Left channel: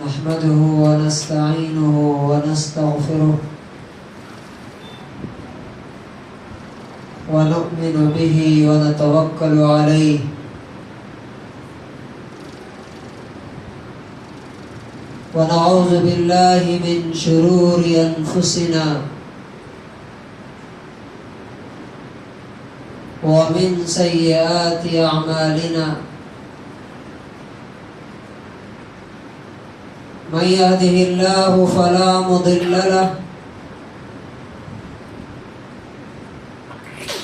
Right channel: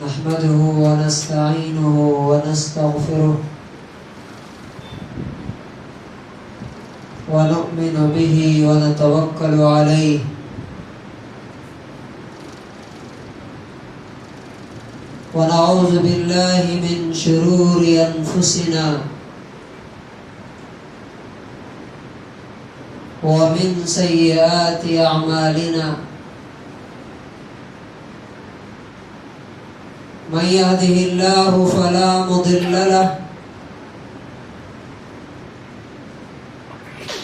نحمده ونستعينه ونستغفره ونؤمن به ونتوكل عليه ونعوذ بالله من شرور أنفسنا ومن سيئات أعمالنا من يهده الله فلا مضل له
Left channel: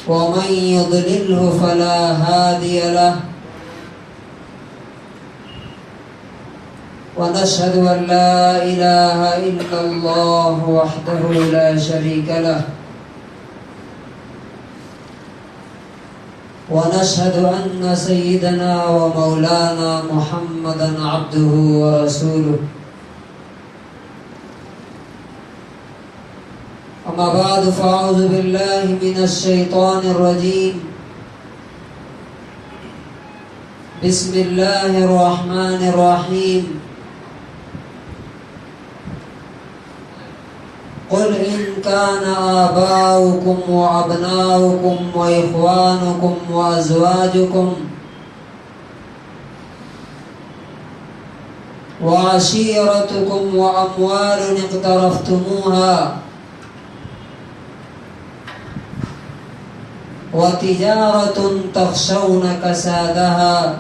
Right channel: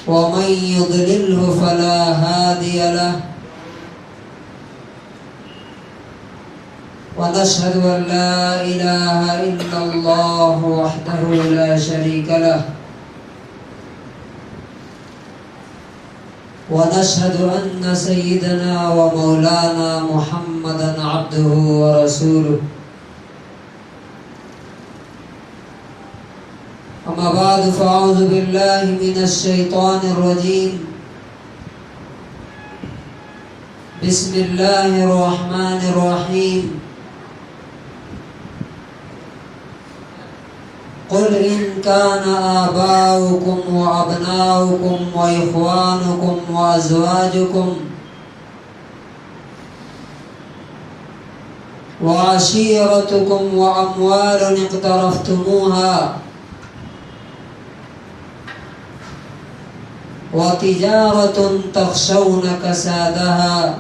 ومن يضلله فلا هادي له ونشهد أن لا إله إلا الله وحده لا شريك له ونشهد أن سيدنا ومولانا محمدا عبده ورسوله أما بعد فأعوذ بالله من الشيطان الرجيم بسم الله الرحمن الرحيم قل إن كان آباؤكم وأبناؤكم وإخوانكم وأزواجكم وعشيرتكم وأموال اقترفتموها وتجارة تخشون كسادها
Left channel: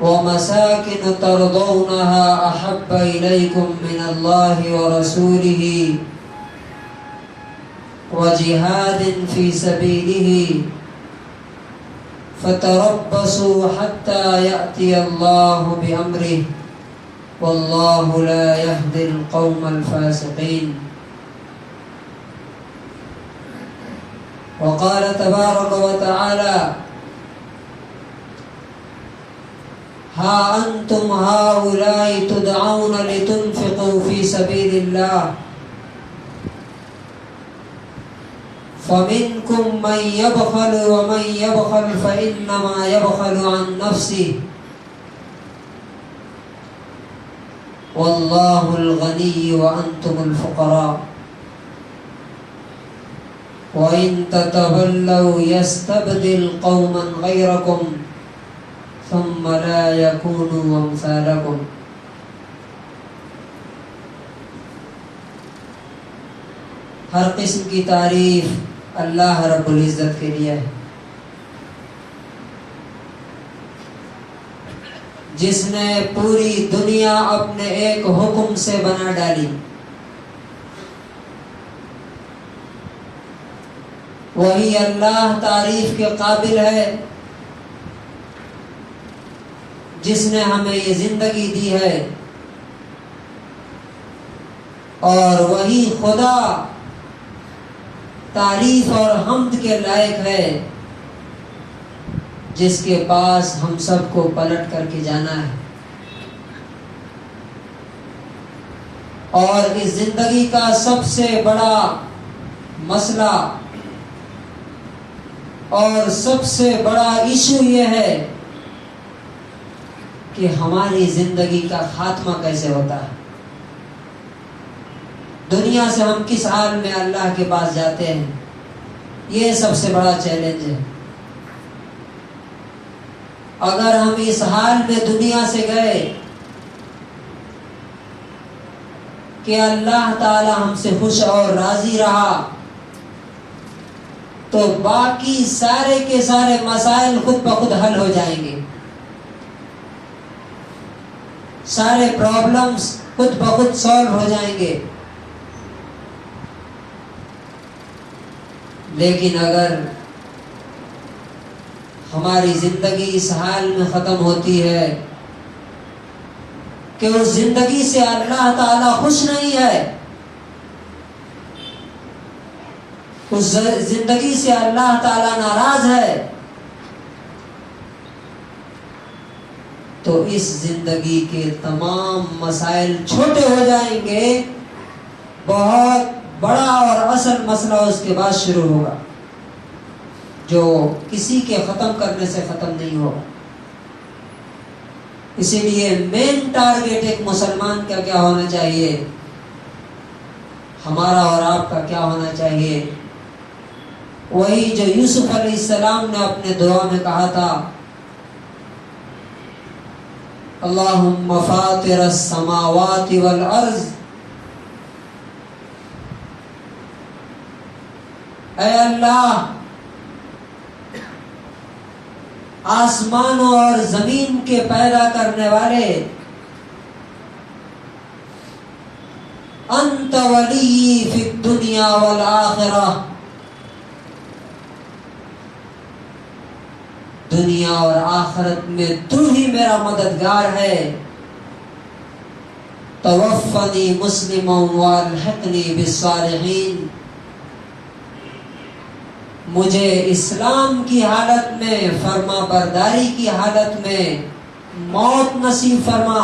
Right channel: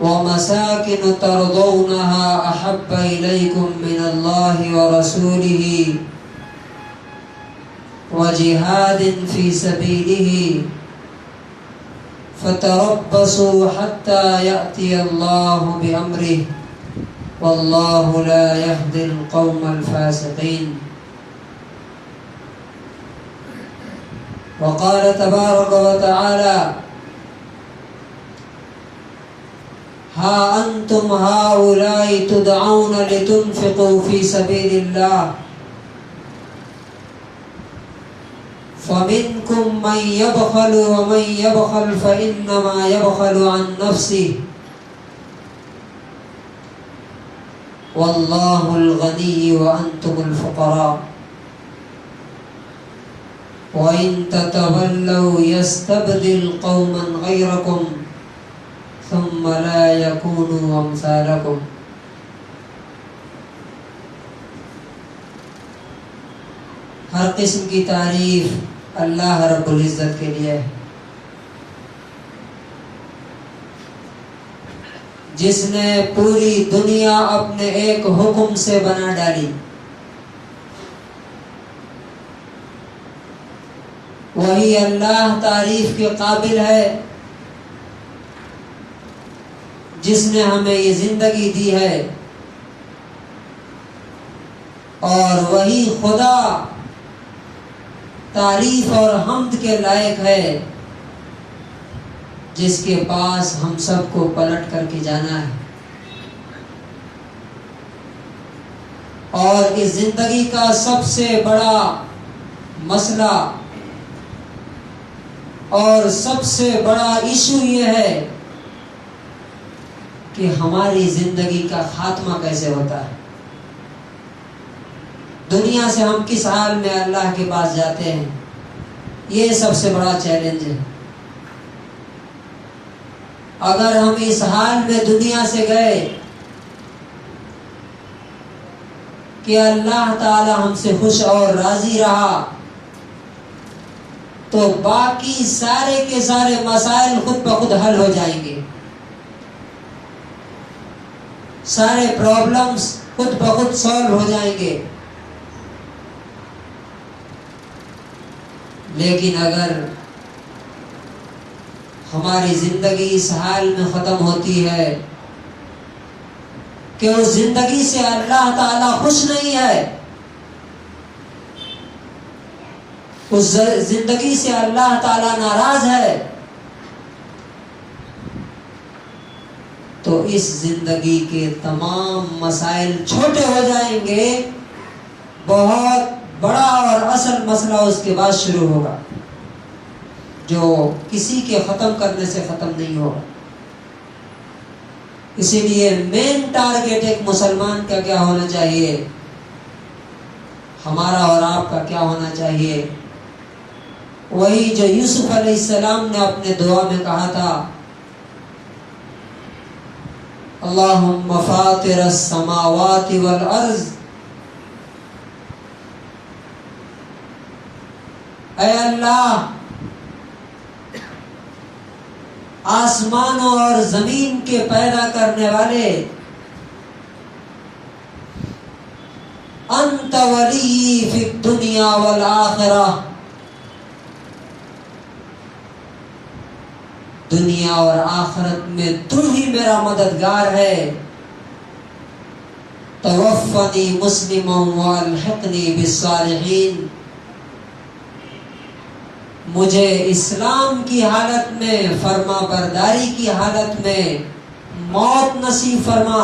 ومساكن ترضونها أحب إليكم من الله ورسوله وجهاد في سبيله فتربصوا حتى يأتي الله بأمره والله لا يهدي القوم الفاسقين وقال تبارك وتعالى ها أنتم هؤلاء تدعون لتنفقوا في سبيل الله فمنكم من يبخل ومن يبخل فإنما يبخل عن نفسه والله الغني وأنتم الفقراء وَإِن تَتَوَلَّوْا يَسْتَبْدِلْ قَوْمًا غَيْرَكُمْ ثُمَّ لَا يَكُونُوا أَمْثَالَكُمْ. ہر قسم کی تعریف اللہ رب العزت کے لیے ہے، جس نے پوری دنیا اپنے ایک حکم سے بنا ڈالی. وہی اللہ تعریف کے قابل ہے جس نے ہمیں یہ زندگی دی ہے، اور وہی خدا تعریف اور حمد کے لائق ہے جس کے پاس ہم سب کو پلٹ کر کے جانا ہے. اور اس زندگی کا سب سے بڑا مسئلہ اور سب سے بڑا ایشو یہ ہے کہ ہماری زندگی کا خاتمہ کیسے ہوتا ہے. دنیا سے ہم کس حال میں اللہ کے پاس جاتے ہیں، یہ سب سے بڑا چیلنج ہے. اگر ہم اس حال میں دنیا سے گئے کہ اللہ تعالی ہم سے خوش اور راضی رہا تو باقی سارے کے سارے مسائل خود بخود حل ہو جائیں گے، سارے پرابلمز خود بخود سالو ہو جائیں گے. لیکن اگر ہماری زندگی اس حال میں ختم ہوتی ہے کہ اس زندگی سے اللہ تعالیٰ خوش نہیں ہے، اس زندگی سے اللہ تعالیٰ ناراض ہے، تو اس زندگی کے تمام مسائل چھوٹے ہو جائیں گے. بہت بڑا اور اصل مسئلہ اس کے بعد شروع ہوگا جو کسی کے ختم کرنے سے ختم نہیں ہوگا. اسی لیے مین ٹارگیٹ ایک مسلمان کا کیا ہونا چاہیے، ہمارا اور آپ کا کیا ہونا چاہیے، وہی جو یوسف علیہ السلام نے اپنے دعا میں کہا تھا، اللہم فاطر السماوات والارض، اے اللہ آسمانوں اور زمین کے پیدا کرنے والے، انت ولی فی الدنیا والآخرہ، دنیا اور آخرت میں تو ہی میرا مددگار ہے، توفنی مسلما والحقنی بالصالحین، مجھے اسلام کی حالت میں، فرما برداری کی حالت میں موت نصیب فرما،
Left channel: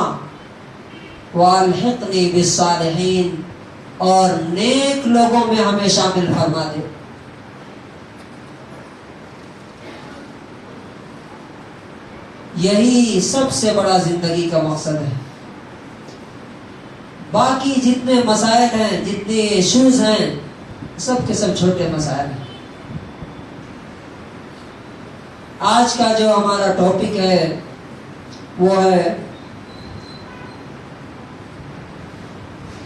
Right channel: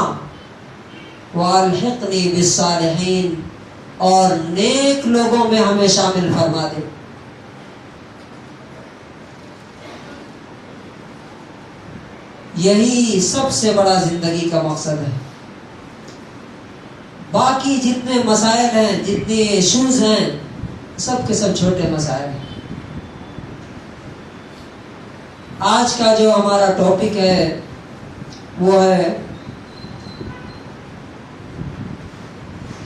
والحقنی بالصالحین، اور نیک لوگوں میں ہمیں شامل فرما دے۔ یہی سب سے بڑا زندگی کا مقصد ہے۔ باقی جتنے مسائل ہیں، جتنے ایشوز ہیں، سب کے سب چھوٹے مسائل ہیں۔ آج کا جو ہمارا ٹاپک ہے وہ ہے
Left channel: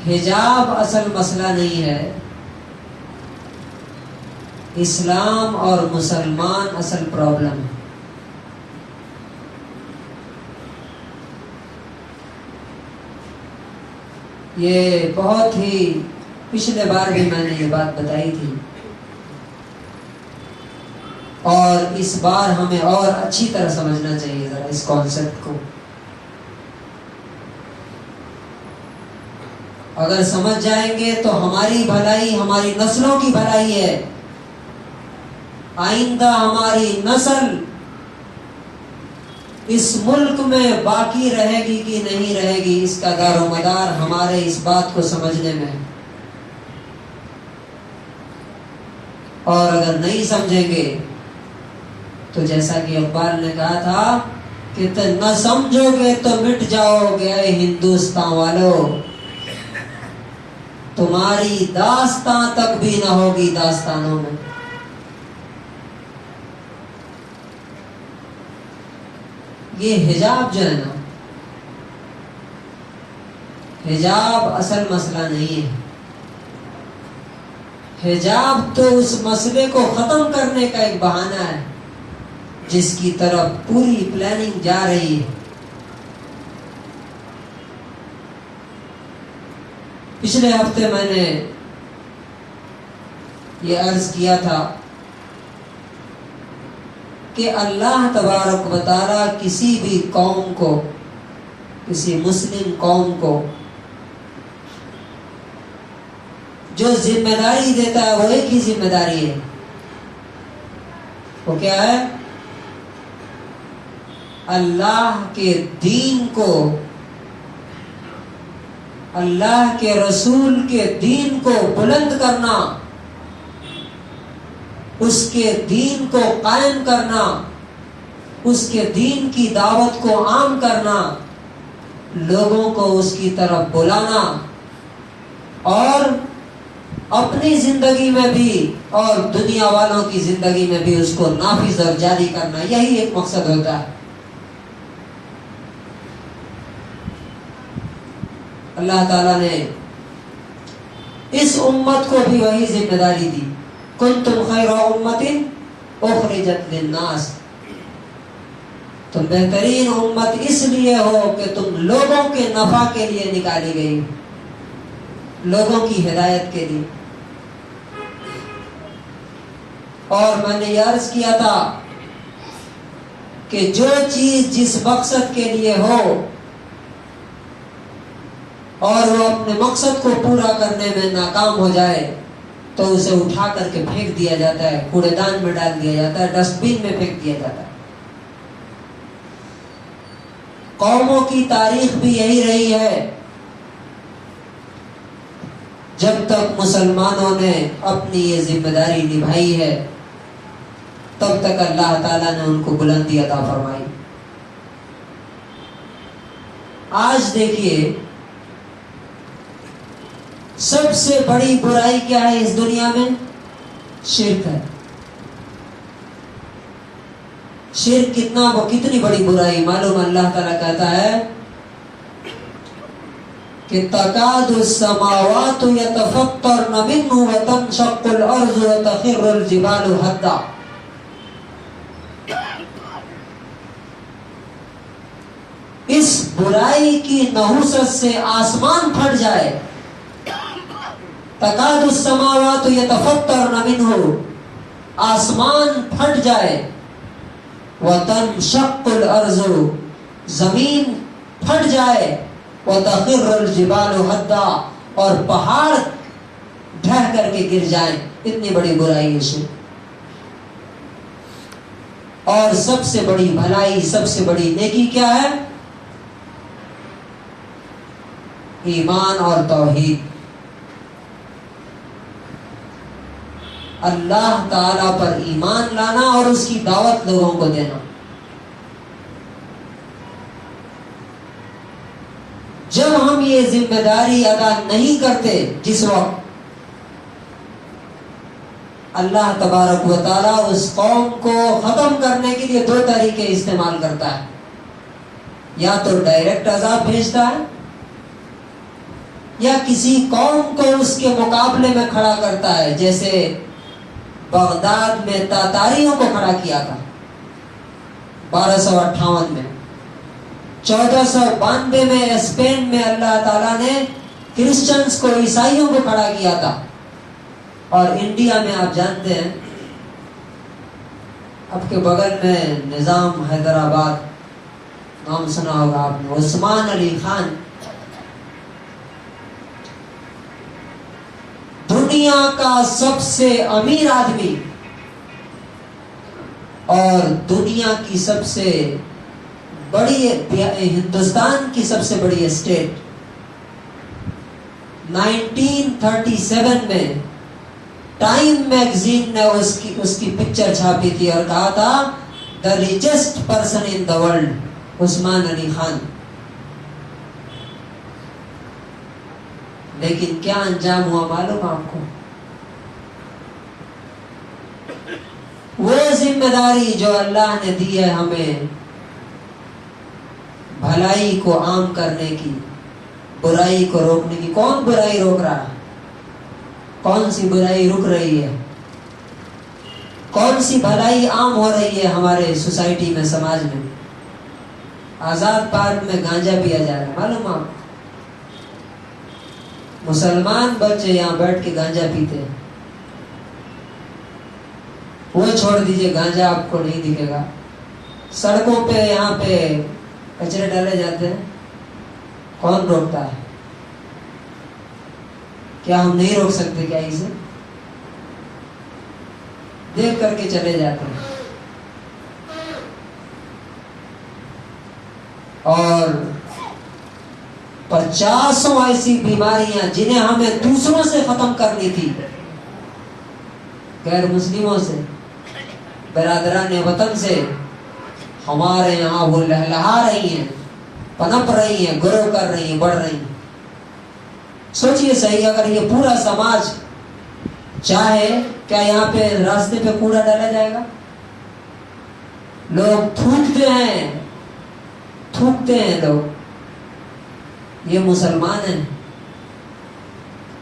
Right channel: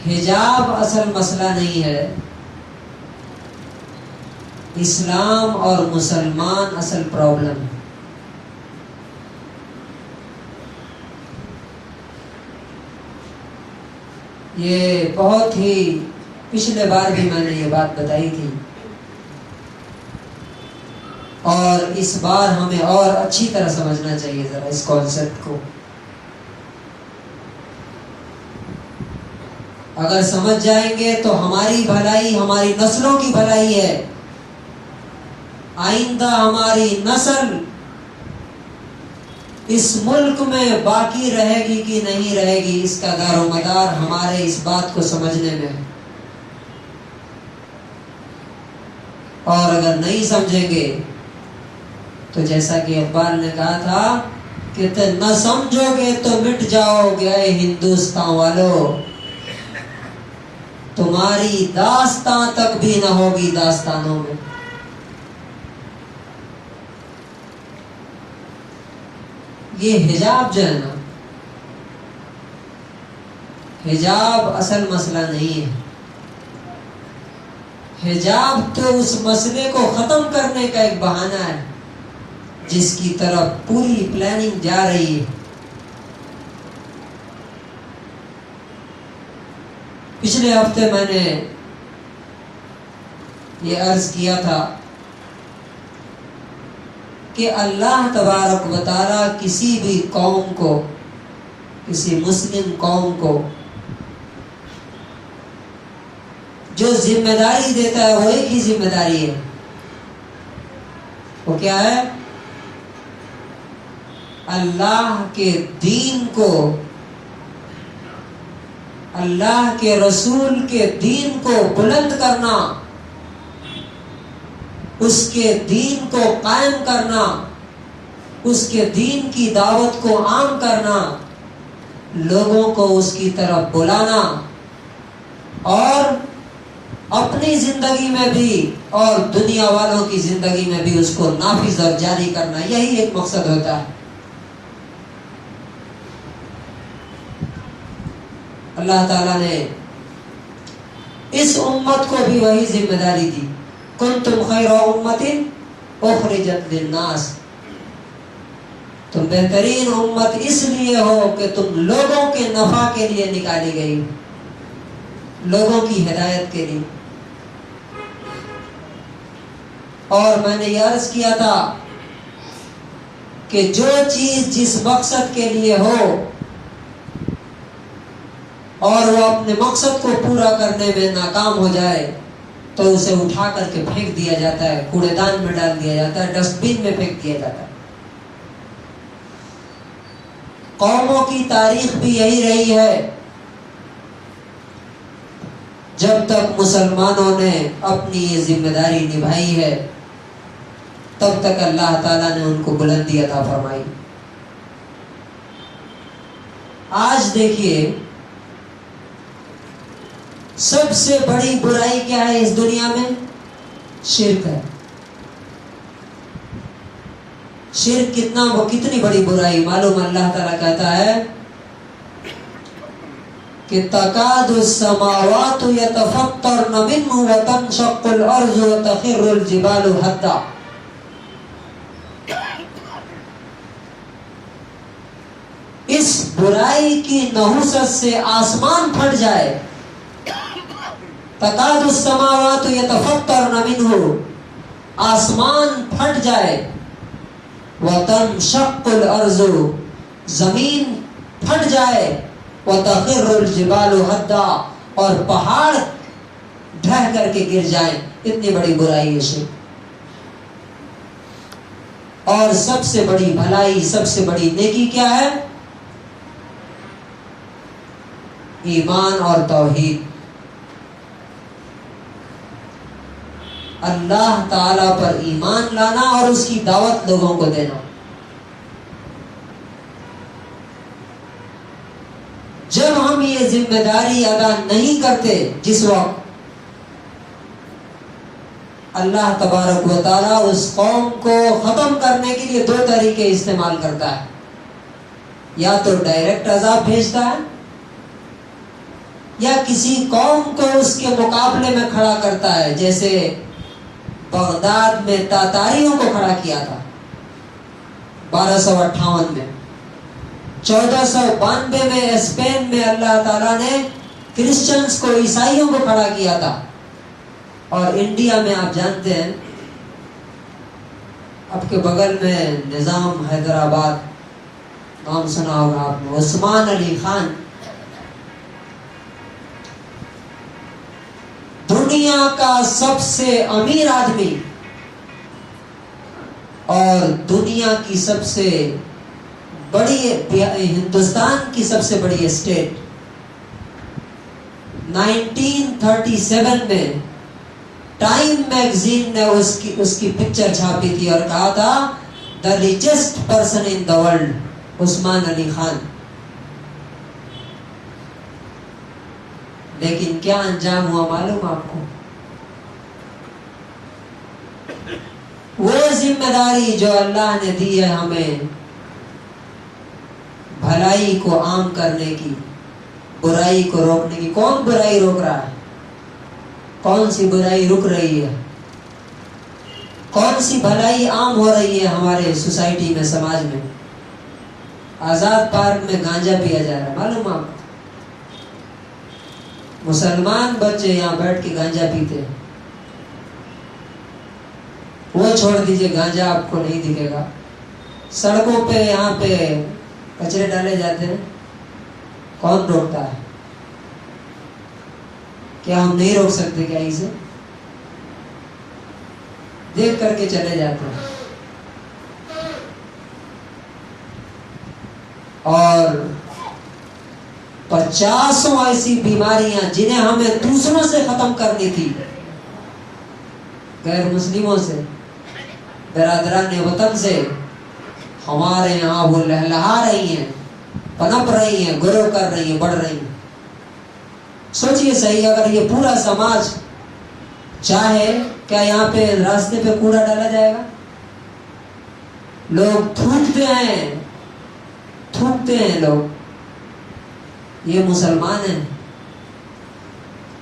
حجاب اصل مسئلہ نہیں ہے، اسلام اور مسلمان اصل پرابلم ہے۔ یہ بہت ہی پچھلے بار بھی میں نے یہ بات بتائی تھی، اور اس بار ہمیں اور اچھی طرح سمجھنا چاہیے ذرا اس کانسیپٹ کو۔ اگر سمجھ جائیں گے تو ہماری بھلائی، ہماری نسلوں کی بھلائی ہے، آئندہ ہماری نسل اس ملک میں باقی رہے گی کہ نہیں رہے گی، اس کا دار و مدار ہمارے اس بات کو سمجھنے میں ہے۔ اور اگر نہیں سمجھیں گے تو جیسا کہ اقبال نے کہا تھا کہ نہ سمجھو گے تو مٹ جاؤ گے اے ہندوستان والو، تمہاری داستان تک بھی نہ ہوگی داستانوں میں۔ یہ حجاب جو ہے نا، حجاب اصل مسئلہ نہیں ہے، حجاب تو اس مسئلے کو ختم کرنے کا ایک بہانہ ہے جس کی طرف پوری پلاننگ جا رہی ہے۔ پچھلے ہفتے میں نے یہ عرض کیا تھا کہ اللہ تبارک و تعالیٰ کسی بھی قوم کو، کسی مسلم قوم کو جو ذمہ داری دیتا ہے وہ ایک ہی ذمہ داری ہے، وہ کیا ہے؟ اللہ کے دین کو، اللہ کے رسول کے دین کو بلند کرنا، اس کے دین کو قائم کرنا، اس کے دین کی دعوت کو عام کرنا، لوگوں کو اس کی طرف بلانا، اور اپنی زندگی میں بھی اور دنیا والوں کی زندگی میں بھی اس کو نافذ اور جاری کرنا، یہی ایک مقصد ہوتا ہے۔ اللہ تعالیٰ نے اس امت کو بھی وہی ذمہ داری دی، کنتم خیر امت اخرجت للناس، تم بہترین امت اس لیے ہو کہ تم لوگوں کے نفع کے لیے نکالی گئی، لوگوں کی ہدایت کے لیے۔ اور میں نے یہ عرض کیا تھا کہ جو چیز جس مقصد کے لیے ہو اور وہ اپنے مقصد کو پورا کرنے میں ناکام ہو جائے تو اسے اٹھا کر کے پھینک دیا جاتا ہے، کوڑے دان میں ڈال دیا جاتا ہے، ڈسٹ بین میں پھینک دیا جاتا ہے۔ قوموں کی تاریخ بھی یہی رہی ہے، جب تک مسلمانوں نے اپنی یہ ذمہ داری نبھائی ہے تب تک اللہ تعالیٰ نے ان کو بلندی عطا فرمائی۔ آج دیکھیے سب سے بڑی برائی کیا ہے اس دنیا میں؟ شرک ہے. شرک کتنی بڑی برائی معلوم. اللہ تعالیٰ کہتا ہے کہ تکاد السماوات یتفطرن منہ وتنشق الارض وتخر الجبال حدا. اس برائی کی نحوست سے آسمان پھٹ جائے. تکاد السماوات یتفطرن منہ، آسمان پھٹ جائے. وتنشق الارض، زمین پھٹ جائے. وتخر الجبال حدا، اور پہاڑ ڈھہ کر کے گر جائیں. اتنی بڑی برائی ہے شرک. اور سب سے بڑی بھلائی، سب سے بڑی نیکی کیا ہے؟ ایمان اور توحید. اللہ تعالی پر ایمان لانا اور اس کی دعوت لوگوں کو دینا. جب ہم یہ ذمہ داری ادا نہیں کرتے، جس وقت اللہ تبارک و تعالیٰ اس قوم کو ختم کرنے کے لیے 2 طریقے استعمال کرتا ہے. یا تو ڈائریکٹ عذاب بھیجتا ہے، یا کسی قوم کو اس کے مقابلے میں کھڑا کرتا ہے. جیسے بغداد میں تاتاریوں کو کھڑا کیا تھا 1258 میں. 1492 میں اسپین میں اللہ تعالیٰ نے کرسچنز کو، عیسائیوں کو کھڑا کیا تھا. اور انڈیا میں آپ جانتے ہیں آپ کے بغل میں نظام حیدرآباد، نام سنا ہوگا آپ نے، عثمان علی خان دنیا کا سب سے امیر آدمی اور دنیا کی سب سے بڑی، ہندوستان کی سب سے بڑی اسٹیٹ، 1937 میں ٹائم میگزین نے اس کی پکچر چھاپی تھی اور کہا تھا the richest person in the world, Usman Ali Khan. لیکن کیا انجام ہوا معلوم آپ کو؟ وہ ذمہ داری جو اللہ نے دی ہے ہمیں بھلائی کو عام کرنے کی، برائی کو روکنے کی. کون برائی روک رہا ہے؟ کون سی برائی رک رہی ہے؟ کون سی بھلائی عام ہو رہی ہے ہمارے سوسائٹی میں، سماج میں؟ آزاد پارک میں گانجا پیا جا رہا ہے، معلوم آپ؟ مسلمان بچے یہاں بیٹھ کے گانجا پیتے ہیں. وہ چھوڑ دیجئے، گانجا آپ کو نہیں دکھے گا. سڑکوں پہ یہاں پہ کچرے ڈالے جاتے ہیں، کون روکتا ہے؟ کیا ہم نہیں روک سکتے کیا اسے؟ دیکھ کر کے چلے جاتے ہیں. اور 50 ایسی بیماریاں جنہیں ہمیں دوسروں سے ختم کرنی تھی، غیر مسلموں سے، برادران وطن سے، ہمارے یہاں وہ لہلہا رہی ہیں، پنپ رہی ہیں، گرو کر رہی ہیں، بڑھ رہی ہیں. سوچئے صحیح، اگر یہ پورا سماج چاہے، کیا یہاں پہ راستے پہ کوڑا ڈالا جائے گا؟ لوگ تھوکتے ہیں لوگ. یہ مسلمان ہیں،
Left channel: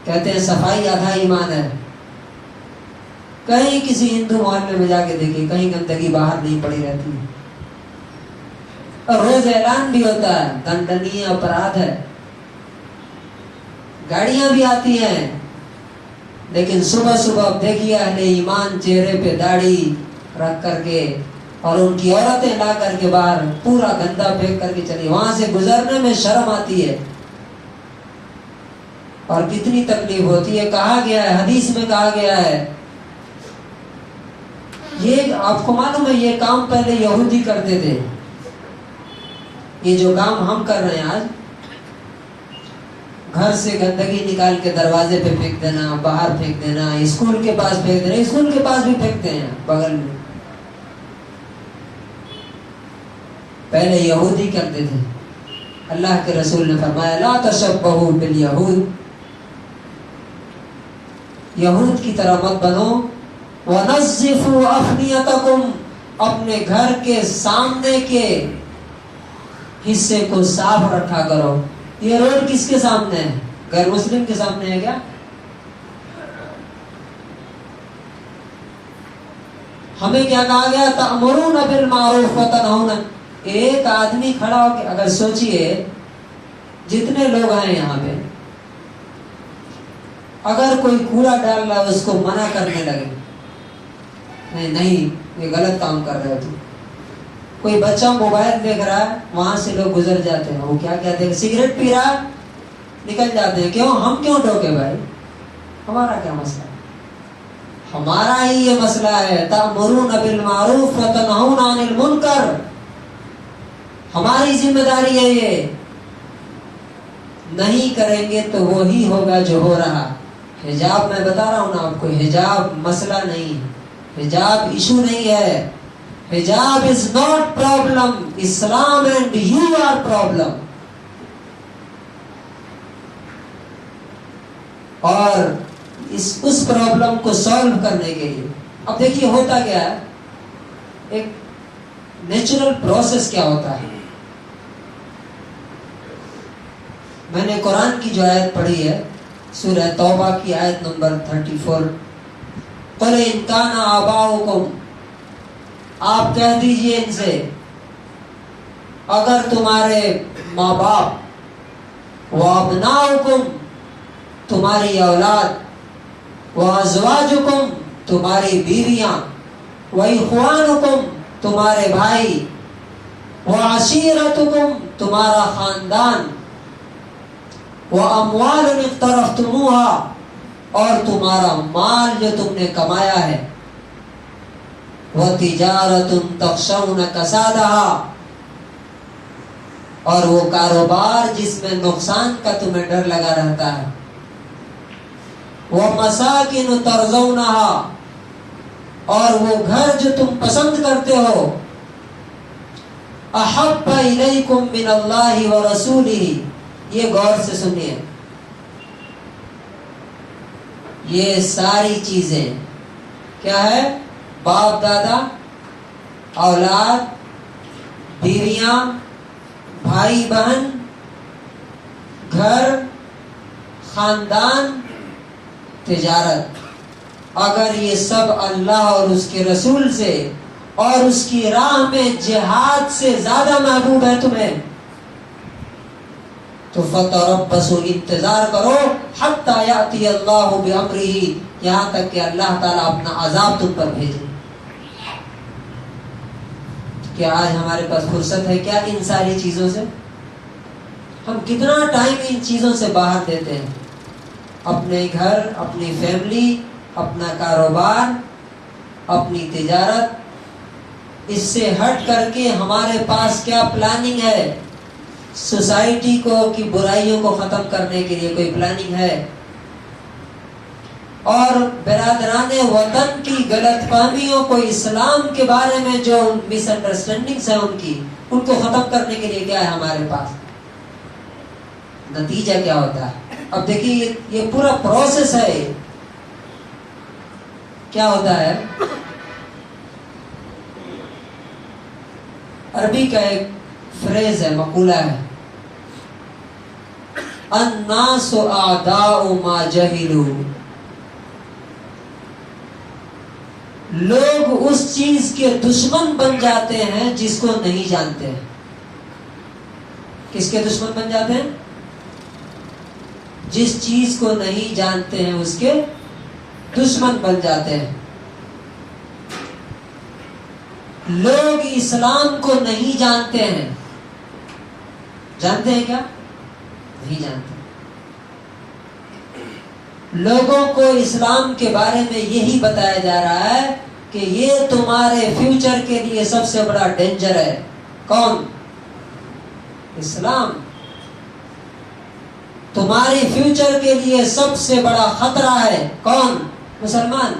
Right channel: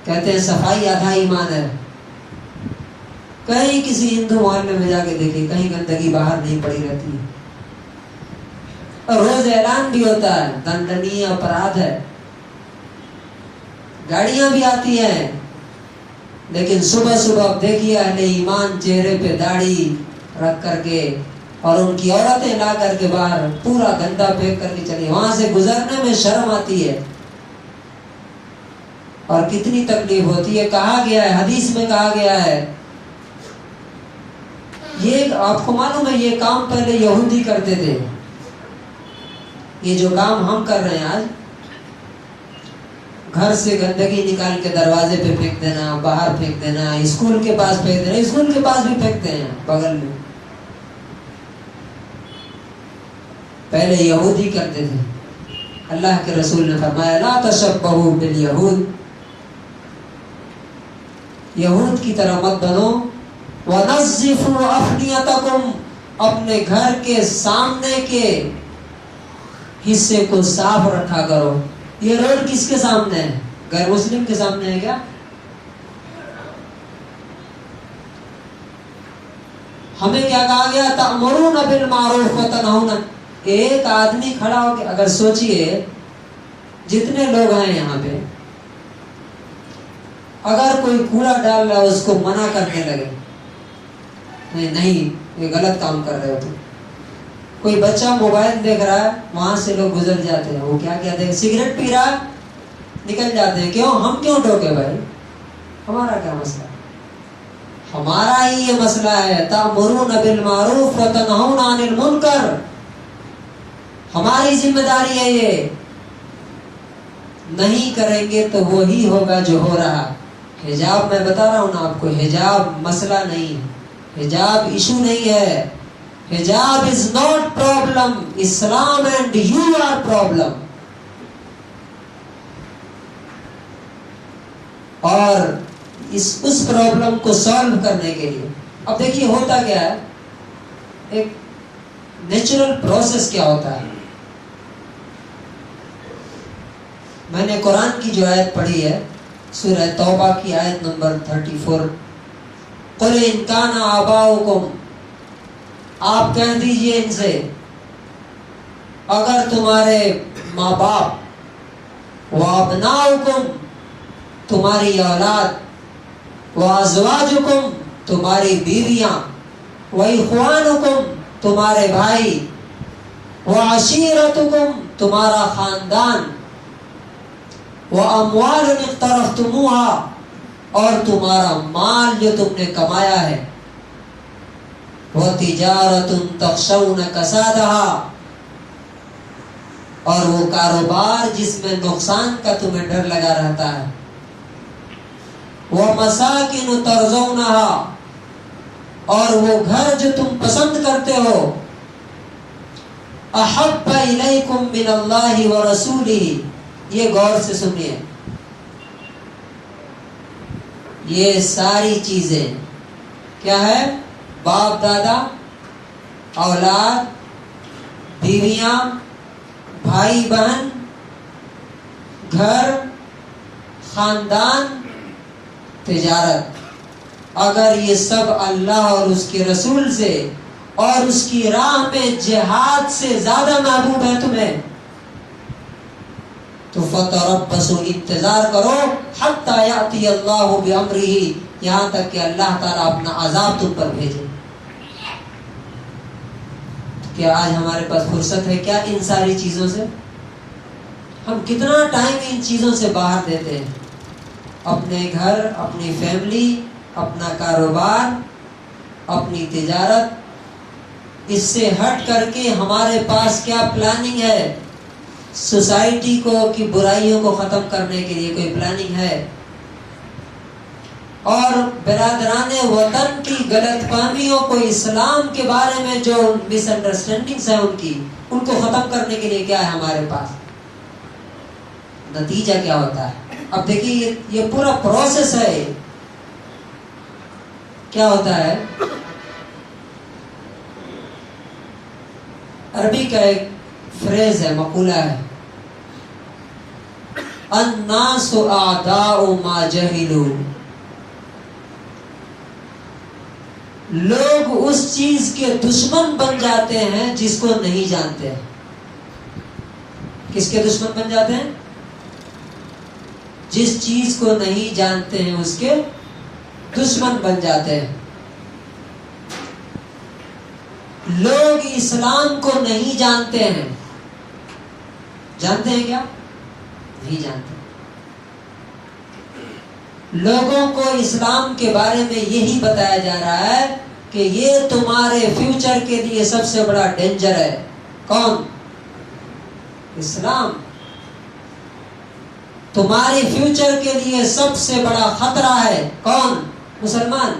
کہتے ہیں صفائی آدھا ایمان ہے. کہیں کسی ہندو محلے میں جا کے دیکھیں، کہیں گندگی باہر نہیں پڑی رہتی ہے. اور روز اعلان بھی ہوتا ہے دنڈنی اپرادھ ہے، گاڑیاں بھی آتی ہیں. لیکن صبح صبح دیکھیے اہل ایمان چہرے پہ داڑھی رکھ کر کے، اور ان کی عورتیں لا کر کے باہر پورا گندا پھینک کر کے چلی. وہاں سے گزرنے میں شرم آتی ہے اور کتنی تکلیف ہوتی ہے. کہا گیا ہے، حدیث میں کہا گیا ہے، یہ آپ کو معلوم ہے یہ کام پہلے یہودی کرتے تھے. یہ جو کام ہم کر رہے ہیں آج، گھر سے گندگی نکال کے دروازے پہ پھینک دینا، باہر پھینک دینا، اسکول کے پاس پھینک دینا. اسکول کے پاس بھی پھینکتے ہیں بغل میں. پہلے یہودی کرتے تھے. اللہ کے رسول نے فرمایا لا تشبہوا بالیہود، یہود کی طرح مت بنو، وَنَظِّفُوا أَفْنِيَتَكُمْ، اپنے گھر کے سامنے کے حصے کو صاف رکھا کرو۔ یہ روڈ کس کے سامنے ہے؟ غیر مسلم کے سامنے ہے کیا؟ ہمیں کیا کہا گیا؟ تأمرون بالمعروف وتنہون۔ ایک آدمی کھڑا ہو کے اگر سوچئے جتنے لوگ ہیں یہاں پہ، اگر کوئی کوڑا ڈال رہا ہے اس کو منع کرنے لگے، نہیں یہ غلط کام کر رہے ہو تم۔ کوئی بچہ موبائل دیکھ رہا ہے، وہاں سے لوگ گزر جاتے ہیں، وہ کیا کہتے ہیں؟ سگریٹ پی رہا ہے، نکل جاتے ہیں۔ کیوں؟ ہم کیوں ٹوکے بھائی؟ ہمارا کیا مسئلہ ہے؟ ہمارا ہی یہ مسئلہ ہے، تأمرون بالمعروف وتنہون عن المنکر، ہماری ذمہ داری ہے یہ۔ نہیں کریں گے تو وہی ہوگا جو ہو رہا۔ حجاب میں بتا رہا ہوں نا آپ کو، حجاب مسئلہ نہیں، حجاب ایشو نہیں ہے۔ حجاب is not problem، Islam and you are problem۔ اور اس پرابلم کو سالو کرنے کے لیے اب دیکھیے ہوتا کیا ہے، ایک نیچرل پروسیس کیا ہوتا ہے۔ میں نے قرآن کی جو آیت پڑھی ہے سورہ توبہ کی آیت نمبر 34، قُلْ إِنْ كَانَ آبَاؤُكُمْ، آپ کہہ دیجئے ان سے اگر تمہارے ماں باپ، وَأَبْنَاؤُكُمْ، تمہاری اولاد، وَأَزْوَاجُكُمْ، تمہاری بیویاں، وَإِخْوَانُكُمْ، تمہارے بھائی، وَعَشِيرَتُكُمْ، تمہارا خاندان، وَأَمْوَالٌ اقْتَرَفْتُمُوهَا، اور تمہارا مال جو تم نے کمایا ہے، وَتِجَارَةٌ تَخْشَوْنَ كَسَادَهَا، اور وہ کاروبار جس میں نقصان کا تمہیں ڈر لگا رہتا ہے، وَمَسَاكِنُ تَرْضَوْنَهَا، اور وہ گھر جو تم پسند کرتے ہو، أَحَبَّ إِلَيْكُمْ مِنَ اللَّهِ وَرَسُولِهِ، یہ غور سے سنیے، یہ ساری چیزیں کیا ہے؟ باپ دادا، اولاد، بیویاں، بھائی بہن، گھر، خاندان، تجارت، اگر یہ سب اللہ اور اس کے رسول سے اور اس کی راہ میں جہاد سے زیادہ محبوب ہے تمہیں، تو فتربصوا، انتظار کرو، حتی یأتی اللہ بامرہ، یہاں تک کہ اللہ تعالیٰ اپنا عذاب تم پر بھیجے۔ کہ آج ہمارے پاس فرصت ہے کیا ان ساری چیزوں سے؟ ہم کتنا ٹائم ان چیزوں سے باہر دیتے ہیں، اپنے گھر، اپنی فیملی، اپنا کاروبار، اپنی تجارت، اس سے ہٹ کر کے ہمارے پاس کیا پلاننگ ہے؟ سوسائٹی کو کی برائیوں کو ختم کرنے کے لیے کوئی پلاننگ ہے؟ اور برادران وطن کی غلط فہمیوں کو، اسلام کے بارے میں جو مس انڈرسٹینڈنگز ہیں ان کو ختم کرنے کے لیے کیا ہے ہمارے پاس؟ نتیجہ کیا ہوتا ہے؟ اب دیکھیے یہ پورا پروسیس ہے، کیا ہوتا ہے؟ عربی کا ایک فریز ہے، مقولہ ہے، الناس اعداء ما جہلوا، لوگ اس چیز کے دشمن بن جاتے ہیں جس کو نہیں جانتے ہیں۔ کس کے دشمن بن جاتے ہیں؟ جس چیز کو نہیں جانتے ہیں اس کے دشمن بن جاتے ہیں۔ لوگ اسلام کو نہیں جانتے ہیں، جانتے ہیں کیا؟ نہیں جانتے۔ لوگوں کو اسلام کے بارے میں یہی بتایا جا رہا ہے کہ یہ تمہارے فیوچر کے لیے سب سے بڑا ڈینجر ہے۔ کون؟ اسلام۔ تمہاری فیوچر کے لیے سب سے بڑا خطرہ ہے کون؟ مسلمان۔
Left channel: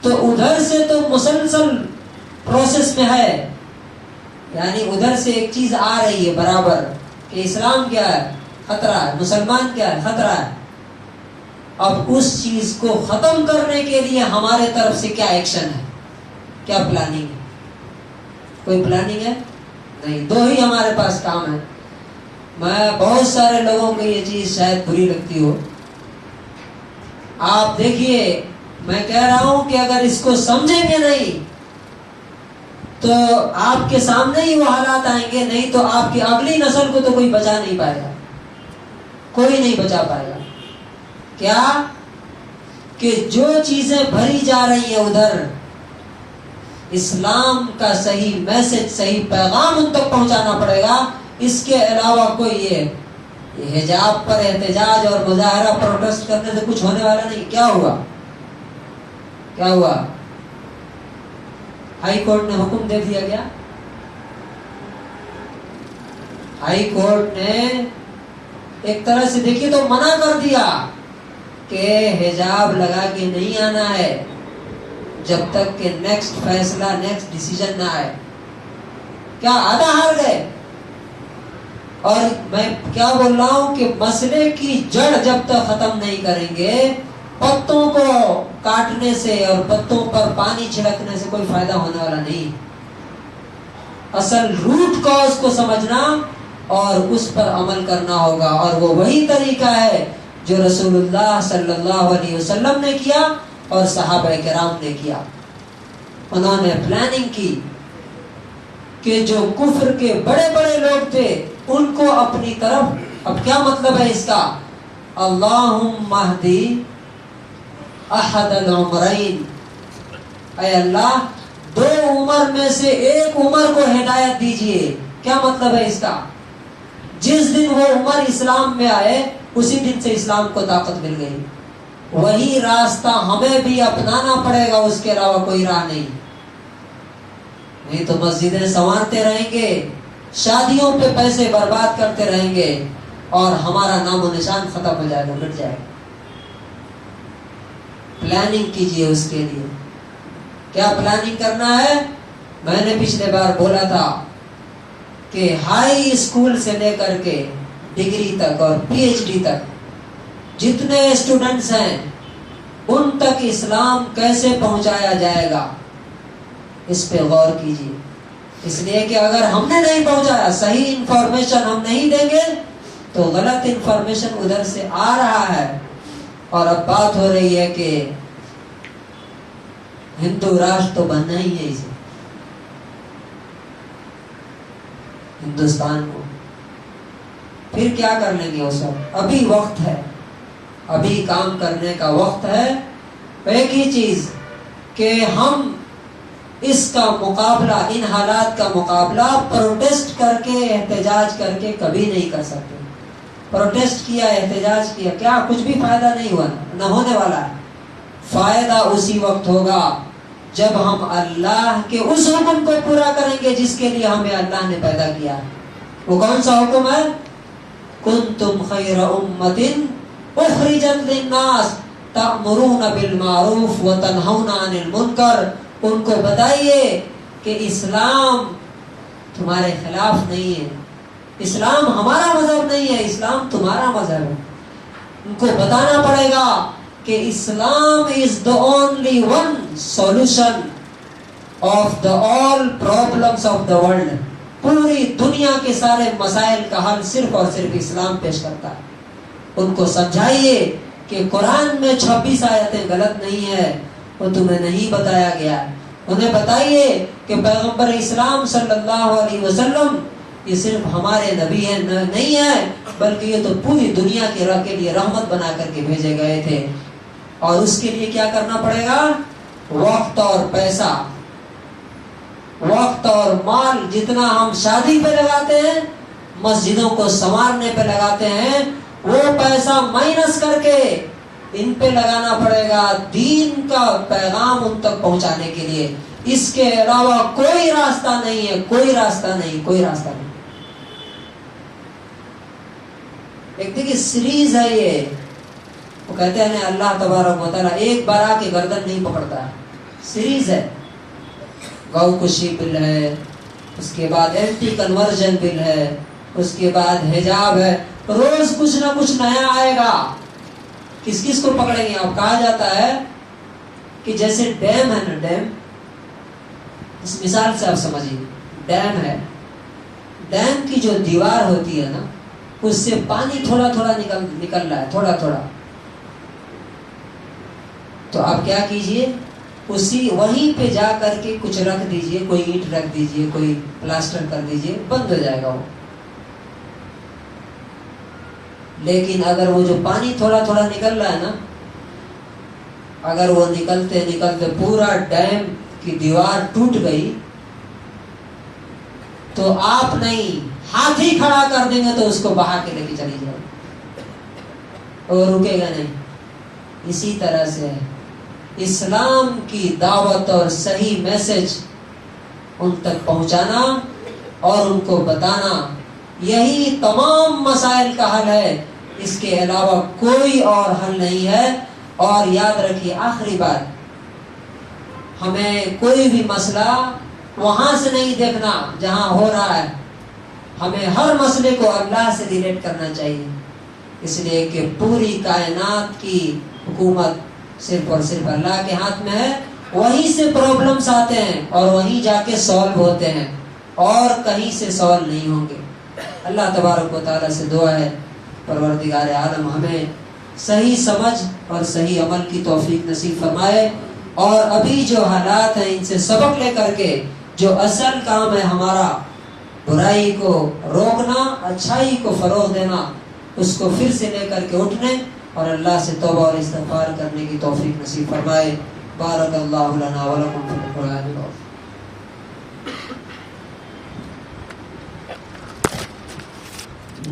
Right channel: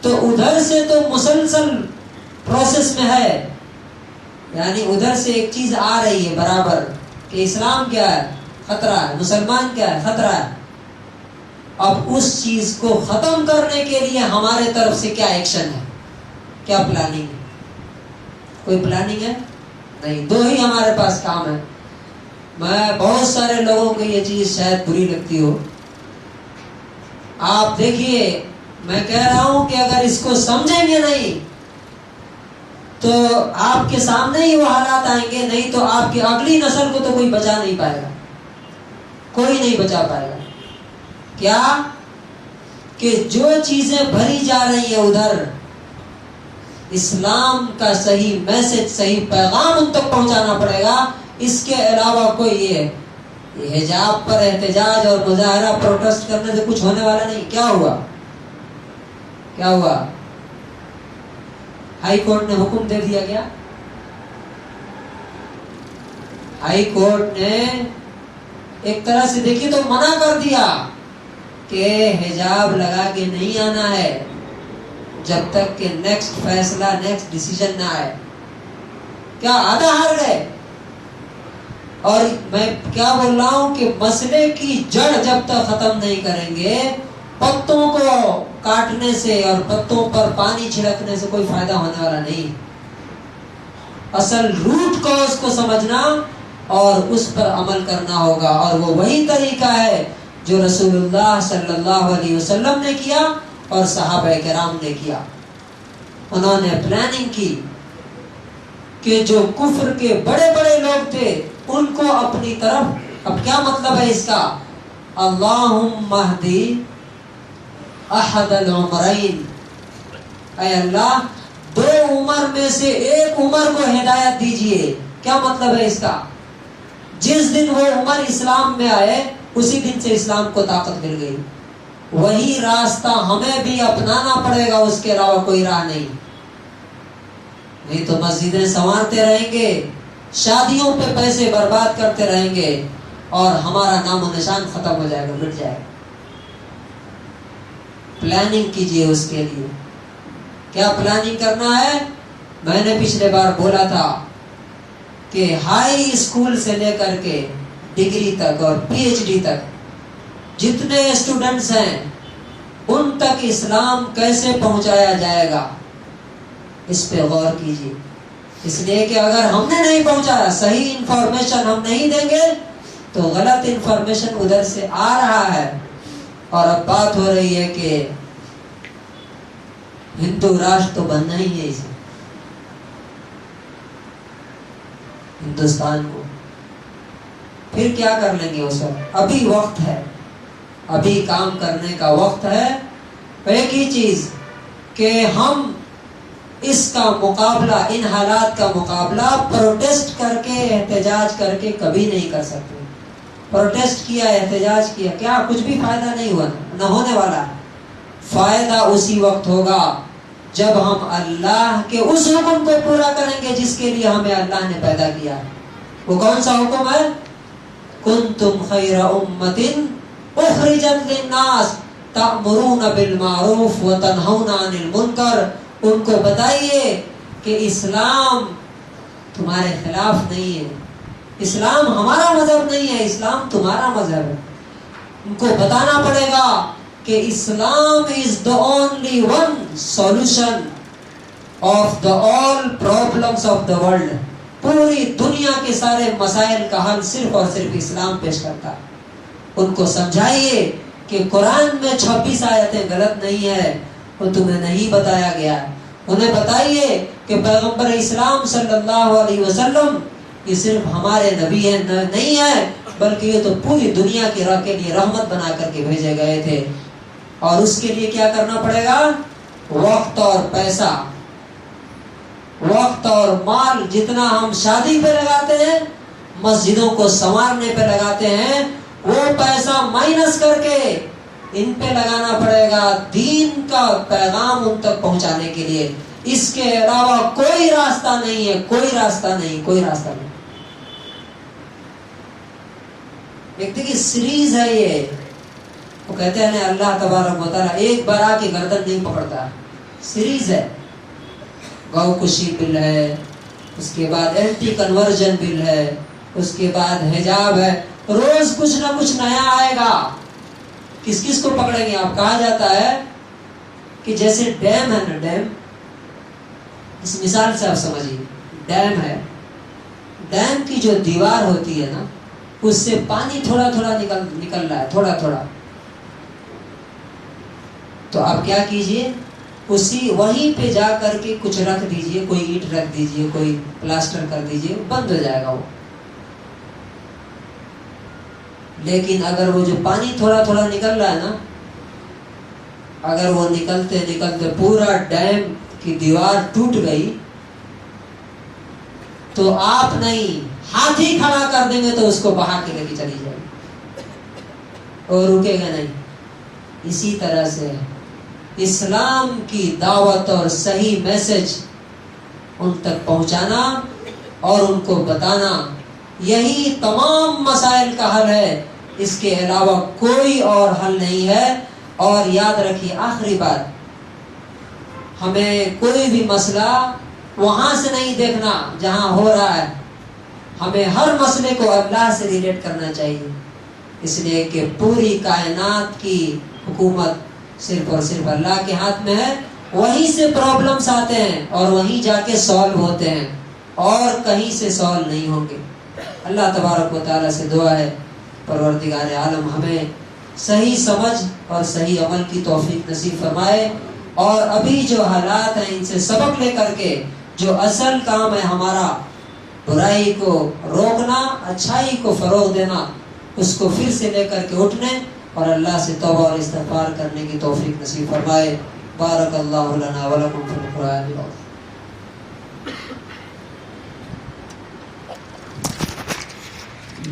تو ادھر سے تو مسلسل پروسیس میں ہے، یعنی ادھر سے ایک چیز آ رہی ہے برابر کہ اسلام کیا ہے؟ خطرہ ہے. مسلمان کیا ہے؟ خطرہ ہے. اب اس چیز کو ختم کرنے کے لیے ہمارے طرف سے کیا ایکشن ہے؟ کیا پلاننگ ہے؟ کوئی پلاننگ ہے؟ نہیں. دو ہی ہمارے پاس کام ہے. میں بہت سارے لوگوں کو یہ چیز شاید بری لگتی ہو. آپ دیکھیے، میں کہہ رہا ہوں کہ اگر اس کو سمجھیں گے نہیں تو آپ کے سامنے ہی وہ حالات آئیں گے. نہیں تو آپ کی اگلی نسل کو تو کوئی بچا نہیں پائے گا. کوئی نہیں بچا پائے گا. کیا کہ جو چیزیں بھری جا رہی ہیں ادھر، اسلام کا صحیح میسج، صحیح پیغام ان تک پہنچانا پڑے گا. اس کے علاوہ کوئی یہ حجاب پر احتجاج اور مظاہرہ پروٹیسٹ کرنے سے کچھ ہونے والا نہیں. کیا ہوا؟ کیا ہوا؟ ہائی کورٹ نے حکم دے دیا. گیا ہائی کورٹ نے ایک طرح سے دیکھی تو منع کر دیا کہ حجاب لگا کے نہیں آنا ہے جب تک کہ نیکسٹ فیصلہ، نیکسٹ ڈیسیژن نہ آئے. کیا آدھا ہار گئے؟ اور میں کیا بول رہا ہوں کہ مسئلے کی جڑ جب تک ختم نہیں کریں گے، پتوں کو کاٹنے سے اور پتوں پر پانی چھڑکنے سے کوئی فائدہ ہونے والا نہیں. اصل روٹ کاز کو سمجھنا اور اس پر عمل کرنا ہوگا. اور وہ وہی طریقہ ہے جو رسول اللہ صلی اللہ علیہ وسلم نے کیا اور صحابہ کرام نے کیا. انہوں نے پلاننگ کی کہ جو کفر کے بڑے بڑے لوگ تھے ان کو اپنی طرف. اب کیا مطلب ہے اس کا؟ اللہم اہدی احد العمرین، اے اللہ دو عمر میں سے ایک عمر کو ہدایت دیجئے. کیا مطلب ہے اس کا؟ جس دن وہ عمر اسلام میں آئے اسی دن سے اسلام کو طاقت مل گئی. وہی راستہ ہمیں بھی اپنانا پڑے گا، اس کے علاوہ کوئی راہ نہیں. نہیں تو مسجدیں سنوارتے رہیں گے، شادیوں پہ پیسے برباد کرتے رہیں گے اور ہمارا نام و نشان ختم ہو جائے گا، مٹ جائے گا. پلاننگ کیجئے اس کے لیے. کیا پلاننگ کرنا ہے؟ میں نے پچھلے بار بولا تھا کہ ہائی اسکول سے لے کر کے ڈگری تک اور پی ایچ ڈی تک جتنے اسٹوڈنٹس ہیں ان تک اسلام کیسے پہنچایا جائے گا، اس پہ غور کیجیے. اس لیے کہ اگر ہم نے نہیں پہنچایا، صحیح انفارمیشن ہم نہیں دیں گے تو غلط انفارمیشن ادھر سے آ رہا ہے. اور اب بات ہو رہی ہے کہ ہندو راشٹر تو بننا ہی ہے اسے، ہندوستان کو. پھر کیا کر لیں گے اس وقت؟ ابھی وقت ہے، ابھی کام کرنے کا وقت ہے. ایک ہی چیز کہ ہم اس کا مقابلہ، ان حالات کا مقابلہ پروٹیسٹ کر کے، احتجاج کر کے کبھی نہیں کر سکتے. پروٹیسٹ کیا، احتجاج کیا، کیا کچھ بھی فائدہ نہیں ہوا، نہ ہونے والا ہے. فائدہ اسی وقت ہوگا جب ہم اللہ کے اس حکم کو پورا کریں گے جس کے لیے ہمیں اللہ نے پیدا کیا ہے. وہ کون سا حکم ہے؟ کنتم خیر امۃ اخرجت للناس تأمرون بالمعروف وتنہون عن المنکر. ان کو بتائیے کہ اسلام تمہارے خلاف نہیں ہے، اسلام ہمارا مذہب نہیں ہے، اسلام تمہارا مذہب ہے. ان کو بتانا پڑے گا کہ اسلام is the only one solution of the all problems of the world. پوری دنیا کے سارے مسائل کا حل صرف اور صرف اسلام پیش کرتا ہے. ان کو سمجھائیے کہ قرآن میں 26 آیتیں غلط نہیں ہے، وہ تمہیں نہیں بتایا گیا. انہیں بتائیے کہ پیغمبر اسلام صلی اللہ علیہ وسلم یہ صرف ہمارے نبی ہیں نہیں ہے، بلکہ یہ تو پوری دنیا کے لیے رحمت بنا کر کے بھیجے گئے تھے. اور اس کے لیے کیا کرنا پڑے گا؟ وقت اور پیسہ، وقت اور مال جتنا ہم شادی پہ لگاتے ہیں، مسجدوں کو سنوارنے پہ لگاتے ہیں، وہ پیسہ مائنس کر کے ان پہ لگانا پڑے گا دین کا پیغام ان تک پہنچانے کے لیے. اس کے علاوہ کوئی راستہ نہیں ہے، کوئی راستہ نہیں، کوئی راستہ نہیں. ایک دیکھیے سیریز ہے یہ. وہ کہتے ہیں اللہ تبارک و تعالیٰ ایک بار آ کے گردن نہیں پکڑتا، سیریز ہے. گو کشی بل ہے، اس کے بعد اینٹی کنورژن بل ہے، اس کے بعد حجاب ہے، روز کچھ نہ کچھ نیا آئے گا. کس کس کو پکڑیں گے آپ؟ کہا جاتا ہے کہ جیسے ڈیم ہے نا، ڈیم، اس مثال سے آپ سمجھیے، ڈیم ہے، ڈیم کی جو دیوار ہوتی ہے نا، اس سے پانی تھوڑا تھوڑا نکل رہا ہے، تھوڑا تھوڑا. تو آپ کیا کیجئے، وہیں پہ جا کر کے کچھ رکھ دیجئے، کوئی اینٹ رکھ دیجئے، کوئی پلاسٹر کر دیجئے، بند ہو جائے گا وہ. لیکن اگر وہ جو پانی تھوڑا تھوڑا نکل رہا ہے نا، اگر وہ نکلتے نکلتے پورا ڈیم کی دیوار ٹوٹ گئی تو آپ نہیں، ہاتھی کھڑا کر دیں گے تو اس کو بہا کے لے کے چلی جائے گی اور رکے گا نہیں. اسی طرح سے اسلام کی دعوت اور صحیح میسج ان تک پہنچانا اور ان کو بتانا، یہی تمام مسائل کا حل ہے. اس کے علاوہ کوئی اور حل نہیں ہے. اور یاد رکھیے، آخری بات، ہمیں کوئی بھی مسئلہ وہاں سے نہیں دیکھنا جہاں ہو رہا ہے، ہمیں ہر مسئلے کو اللہ سے ریلیٹ کرنا چاہیے. اس لیے کہ پوری کائنات کی حکومت صرف اور صرف اللہ کے ہاتھ میں ہے. وہیں سے پرابلمز آتے ہیں اور وہیں جا کے سالو ہوتے ہیں، اور کہیں سے سالو نہیں ہوں گے. اللہ تبارک و تعالیٰ سے دعا ہے پروردگار عالم ہمیں صحیح سمجھ اور صحیح عمل کی توفیق نصیب فرمائے، اور ابھی جو حالات ہیں ان سے سبق لے کر کے جو اصل کام ہے ہمارا، برائی کو روکنا، اچھائی کو فروغ دینا، اس کو پھر سے لے کر کے اٹھنے اور اللہ سے توبہ اور استغفار کرنے کی توفیق نصیب فرمائے. بارک اللہ لنا ولکم فی القرآن العظیم.